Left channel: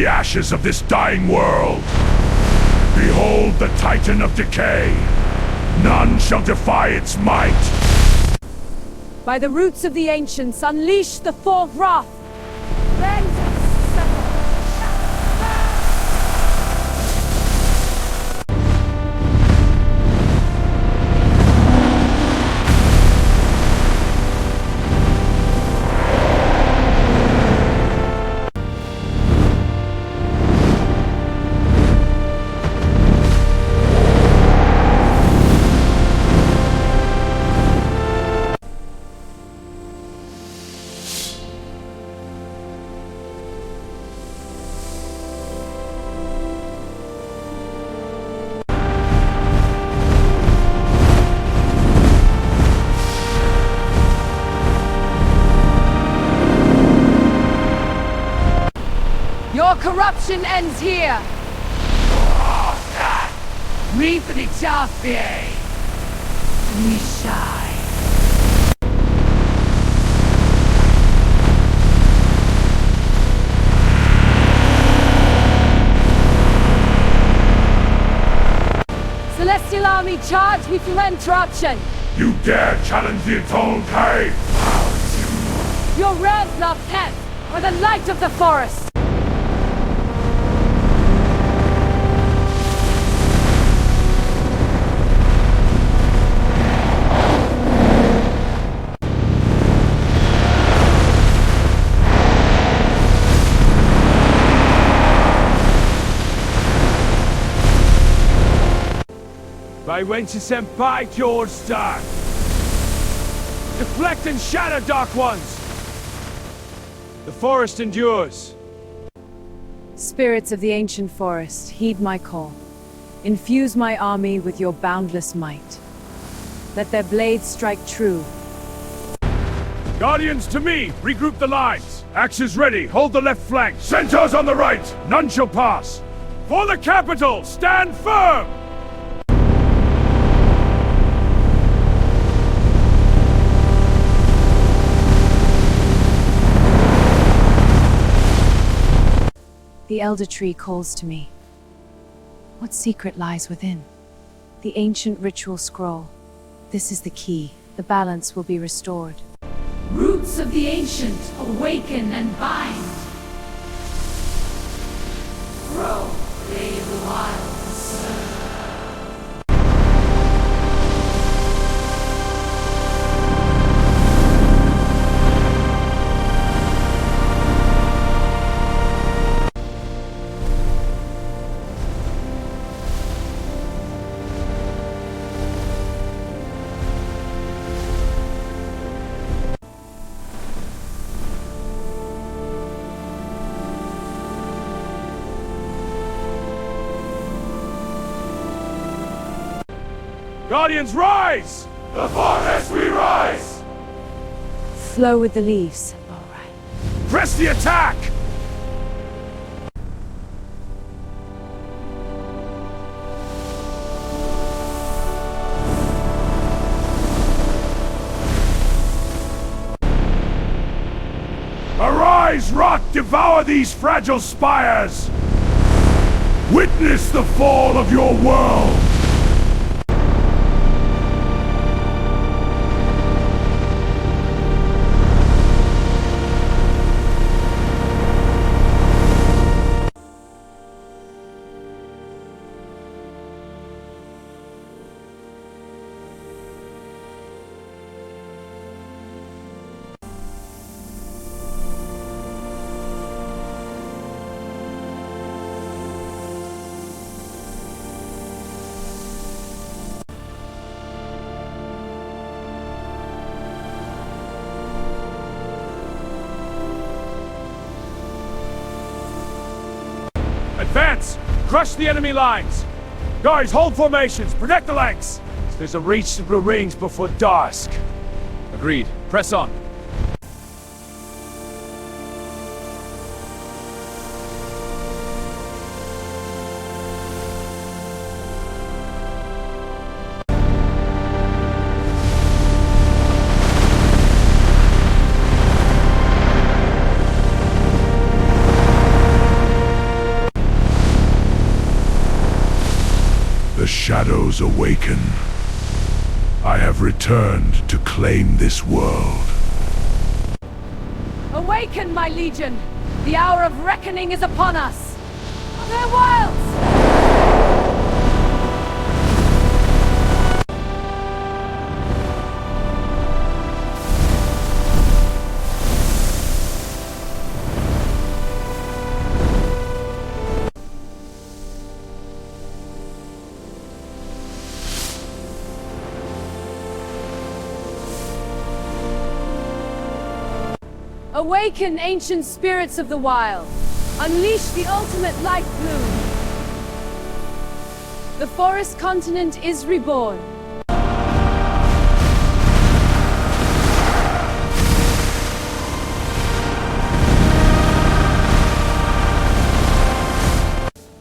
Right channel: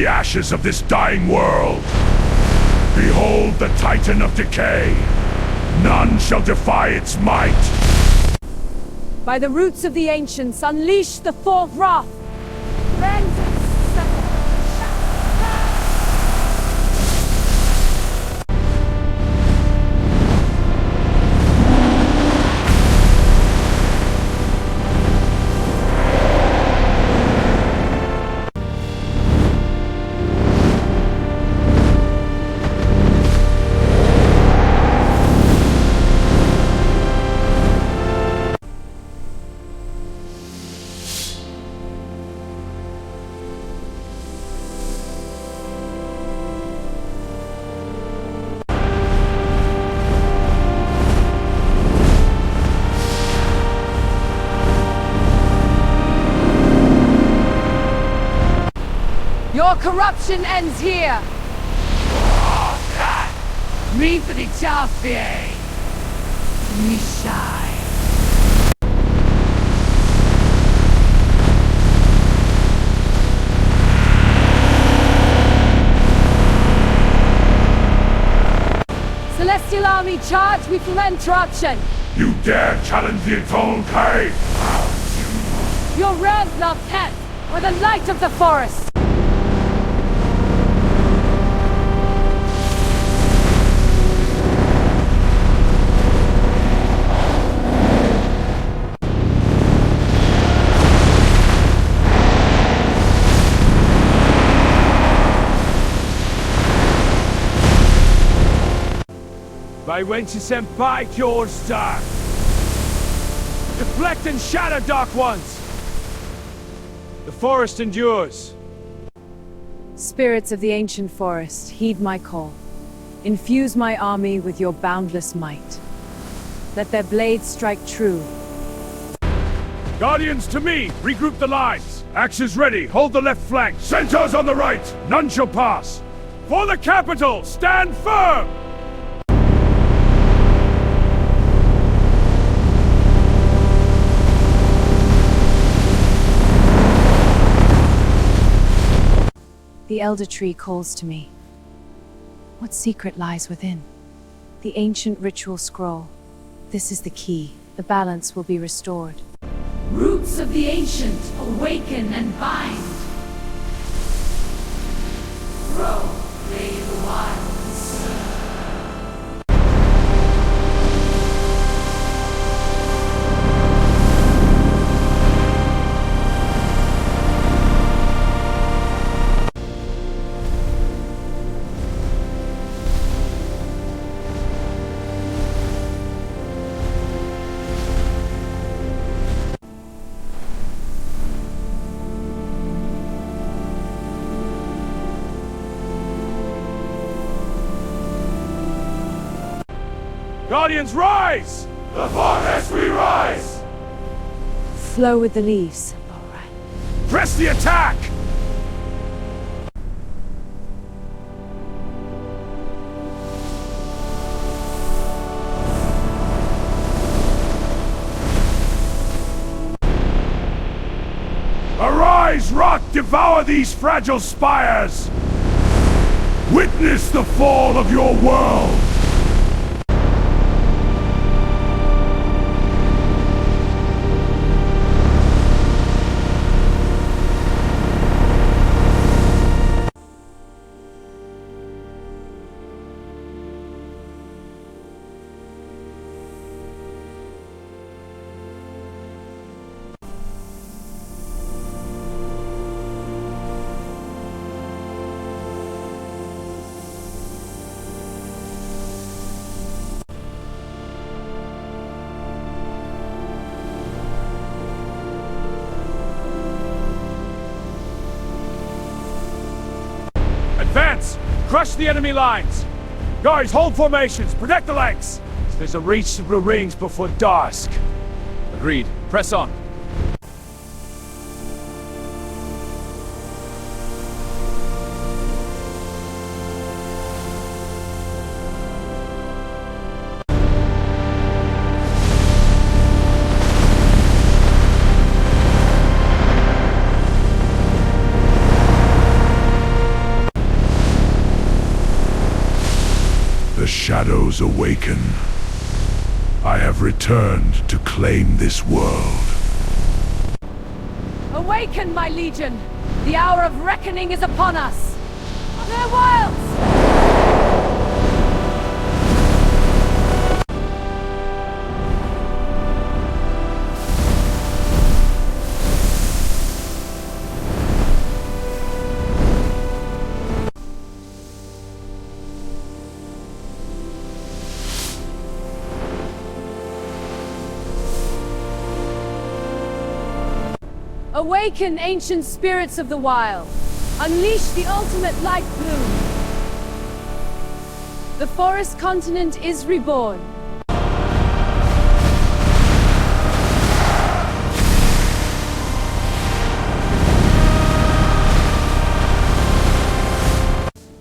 the ashes of this dying world. Behold the Titan of Decay. None shall defy its might. By the roots of the ancients, unleash the fourth wrath! Vengeance! Your corruption ends here! Reap the Jaffe! We shine! Celestial Army, charge with interruption! You dare challenge the Eternal Cave? Your realms not head, or the light of the forest! By wenches senpai your star. Deflect and shatter, Dark Ones! The forest endures. Spirits of the ancient forest, heed my call. Infuse my army with your boundless might. Let their blades strike true. Guardians to me! Regroup the lines! Axes ready, hold the left flank! Centaurs on the right! None shall pass! For the capital, stand firm! The Elder Tree calls to me. What secret lies within? The ancient ritual scroll. This is the key. The balance will be restored. Roots of the ancient, awaken and bind. Grow, they of the wild and surge. Guardians, rise! The forest we rise! Flow with the leaves. Press the attack! Arise, rock, devour these fragile spires! Witness the fall of your world! Advance! Crush the enemy lines! Guys, hold formations! Protect the flanks! There's a reach through the rings before dusk. Agreed. Press on. The shadows awaken. I have returned to claim this world. Awaken, my legion! The hour of reckoning is upon us! For their wilds! Awaken, ancient spirits of the wild! Unleash the ultimate light bloom! The forest continent is reborn!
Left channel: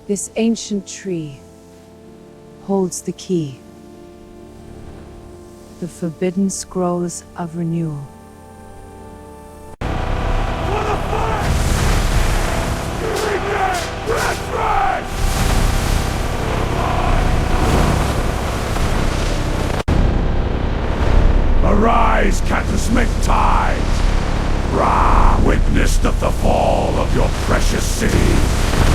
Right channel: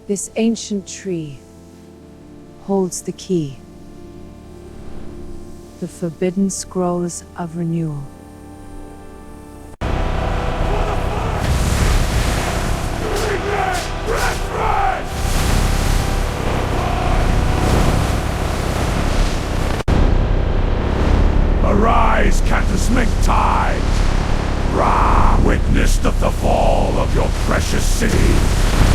This ancient tree holds the key. The forbidden scrolls of renewal. Arise, cataclysmic tide! Ra, witness the fall of your precious cities!